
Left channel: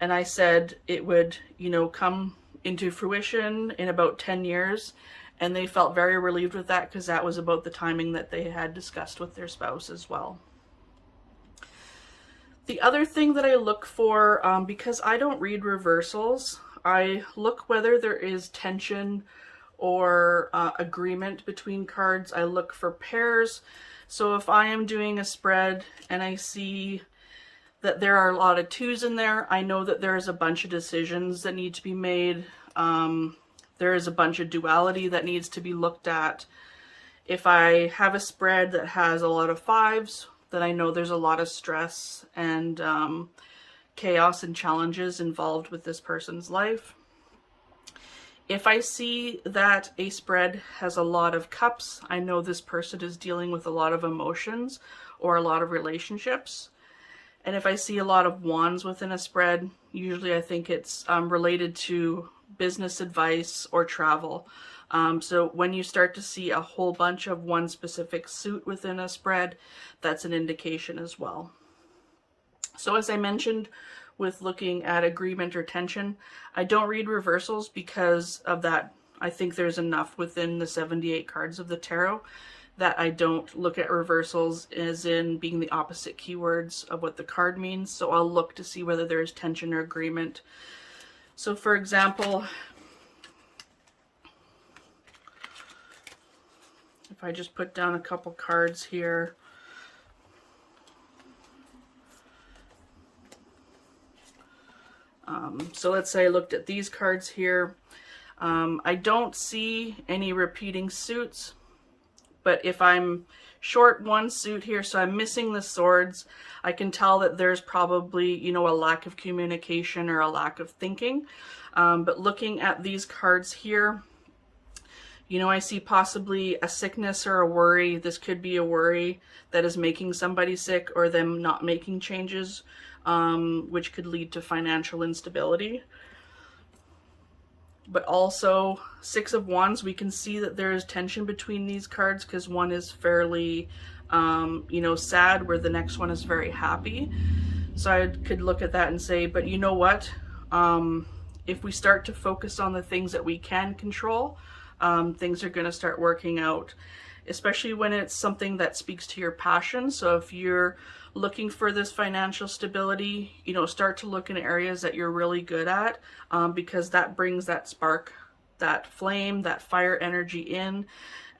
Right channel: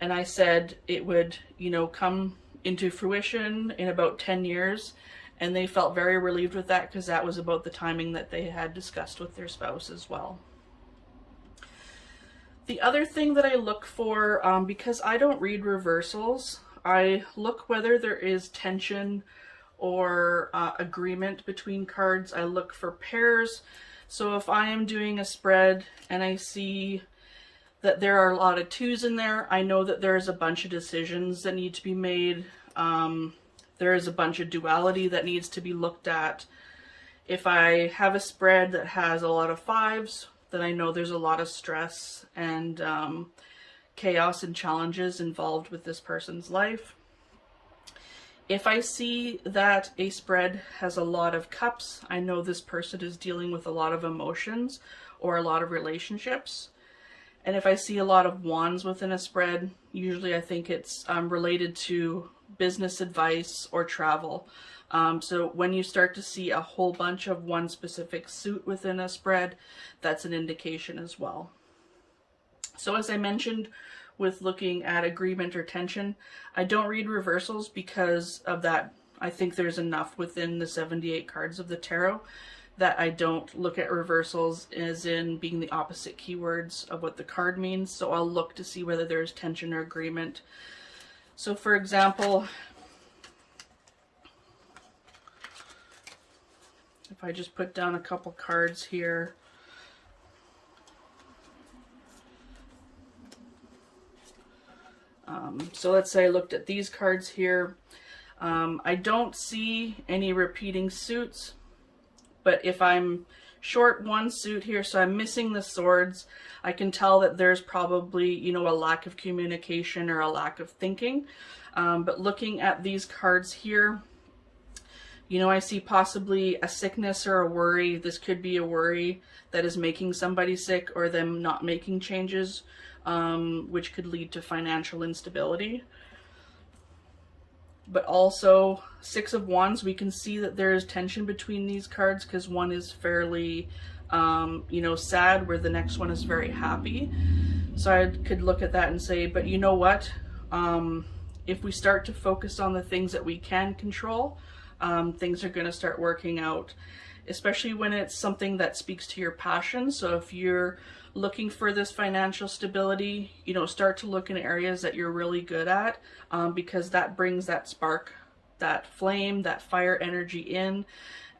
And I said it would, you know, come into fruition in about 10 years. And they felt very relieved with that, because that was about the timing that they had discussed with their spouse as well. The other thing that I look for, because I don't read reversals, I look whether there is tension or agreement between cards. I look for pairs. So if I am doing a spread and I see that there are a lot of 2s in there, I know that there is a bunch of decisions that need to be made. There is a bunch of duality that needs to be looked at. If I have a spread that has a lot of 5s, then I know there's a lot of stress and chaos and challenges involved with this person's life. If I see that a spread has a lot of cups, I know this person is dealing with a lot of emotions or a lot of relationships. And if I see a lot of wands within a spread, usually I think it's related to business advice, or travel. So when you start to see a whole bunch of one specific suit within a spread, that's an indication as well. So as I mentioned with looking at agreement or tension, I don't read reversals because of that. I think there's enough within the 78 cards of the tarot that I don't look at reversals as in being the opposite keywords of what the card means. So I'll look to see whether there's tension or agreement. So for example, if I just put down a couple cards here. So let's say I looked at these cards here. I don't see any repeating suits, but if I'm short one suit here, so I'm missing the swords, I can tell that there's probably, you know, a lack of communication or a lack of thinking. But looking at these cards here, you know, I see possibly a sickness or a worry. This could be a worry that is making somebody sick or them not making changes, which could lead to financial instability. But also, Six of Wands, we can see that there is tension between these cards because one is fairly, you know, sad, where the next one is very happy. So I could look at that and say, but you know what? If we start to focus on the things that we can control, things are going to start working out, especially when it's something that speaks to your passion. So if you're looking for this financial stability, you know, start to look in areas that you're really good at, because that brings that spark, that flame, that fire energy in,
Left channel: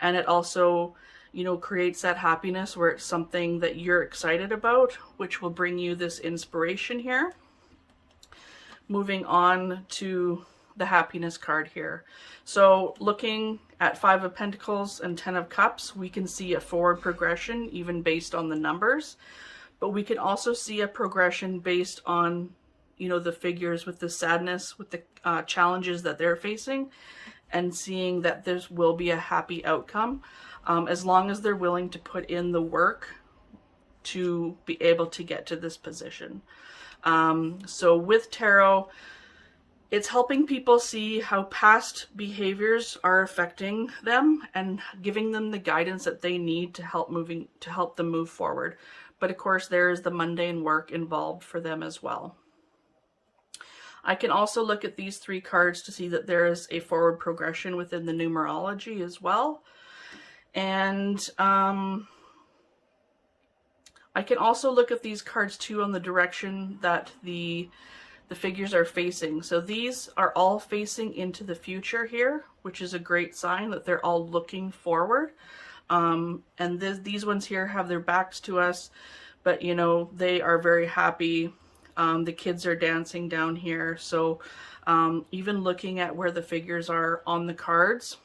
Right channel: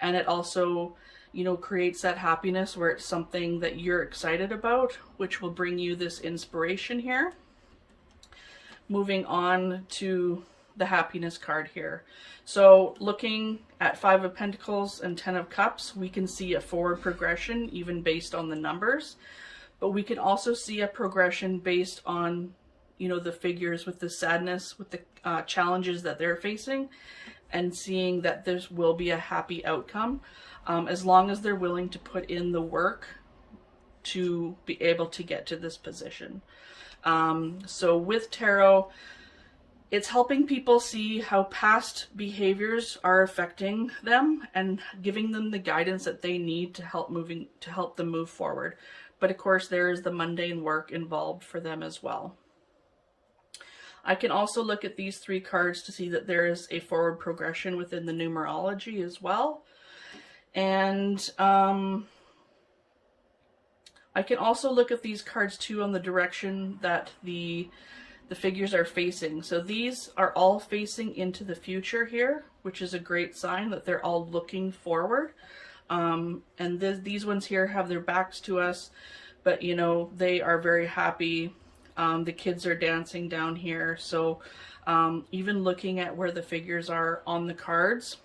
and it also, you know, creates that happiness where it's something that you're excited about, which will bring you this inspiration here. Moving on to the happiness card here. So looking at Five of Pentacles and Ten of Cups, we can see a forward progression even based on the numbers, but we can also see a progression based on, you know, the figures with the sadness, with the challenges that they're facing, and seeing that there will be a happy outcome, as long as they're willing to put in the work to be able to get to this position. So with tarot, it's helping people see how past behaviors are affecting them and giving them the guidance that they need to help them move forward. But of course, there is the mundane work involved for them as well. I can also look at these three cards to see that there is a forward progression within the numerology as well. And I can also look at these cards too on the direction that the figures are facing. So these are all facing into the future here, which is a great sign that they're all looking forward. And these ones here have their backs to us, but you know, they are very happy. The kids are dancing down here. So even looking at where the figures are on the cards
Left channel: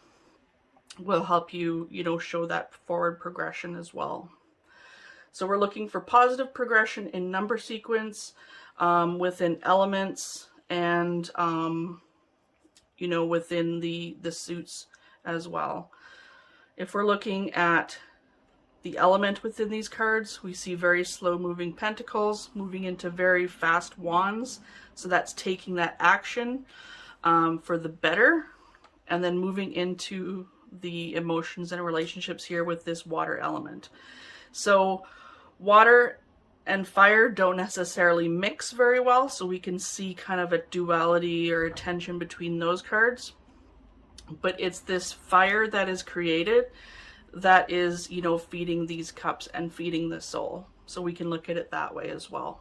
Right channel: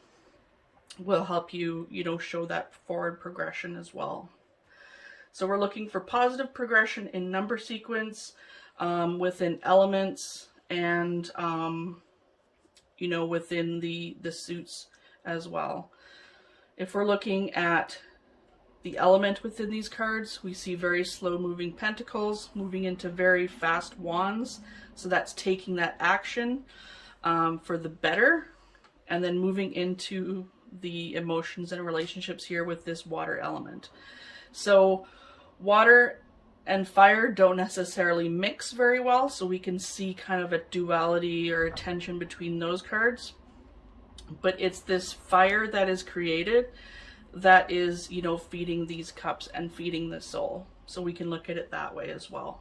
will help you, you know, show that forward progression as well. So we're looking for positive progression in number sequence, within elements, and you know, within the suits as well. If we're looking at the element within these cards, we see very slow moving pentacles moving into very fast wands. So that's taking that action for the better, and then moving into the emotions and relationships here with this water element. So water and fire don't necessarily mix very well, so we can see kind of a duality or a tension between those cards. But it's this fire that is created that is, you know, feeding these cups and feeding the soul. So we can look at it that way as well.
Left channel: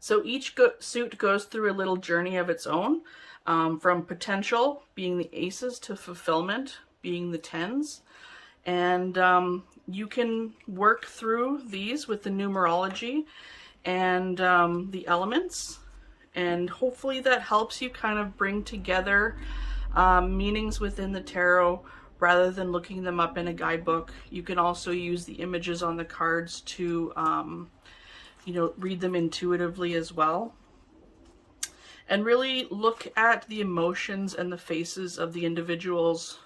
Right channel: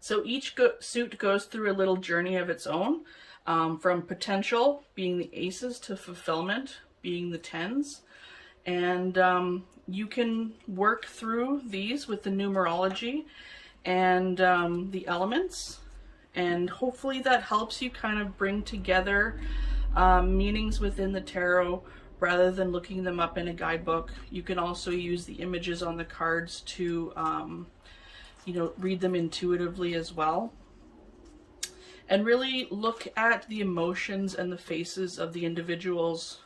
So each suit goes through a little journey of its own, from potential being the aces to fulfillment being the tens. And you can work through these with the numerology and the elements, and hopefully that helps you kind of bring together meanings within the tarot rather than looking them up in a guidebook. You can also use the images on the cards to you know, read them intuitively as well, and really look at the emotions and the faces of the individuals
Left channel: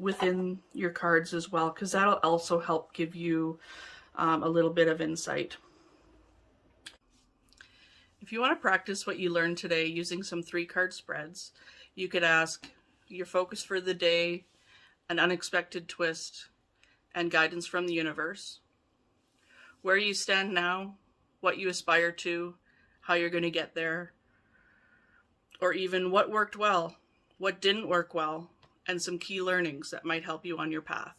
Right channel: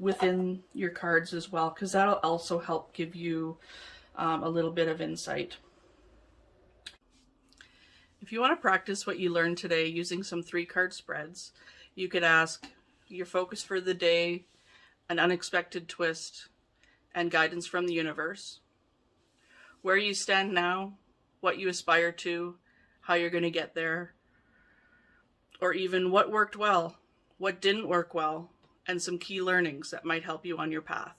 within your cards as well, because that'll also help give you a little bit of insight. If you want to practice what you learned today using some 3-card spreads, you could ask your focus for the day, an unexpected twist, and guidance from the universe. Where you stand now, what you aspire to, how you're going to get there, or even what worked well, what didn't work well, and some key learnings that might help you on your path.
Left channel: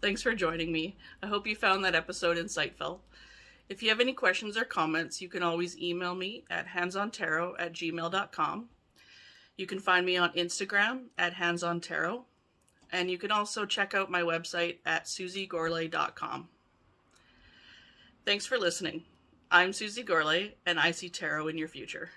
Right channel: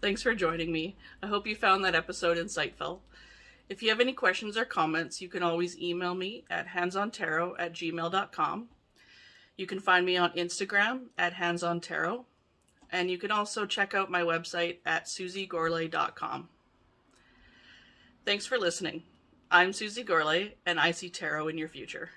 Thanks for joining me. I hope you found that episode insightful. If you have any questions or comments, you can always email me at handsontarot@gmail.com. You can find me on Instagram at handsontarot, and you can also check out my website at susiegorley.com. Thanks for listening. I'm Susie Gorley, and I see tarot in your future.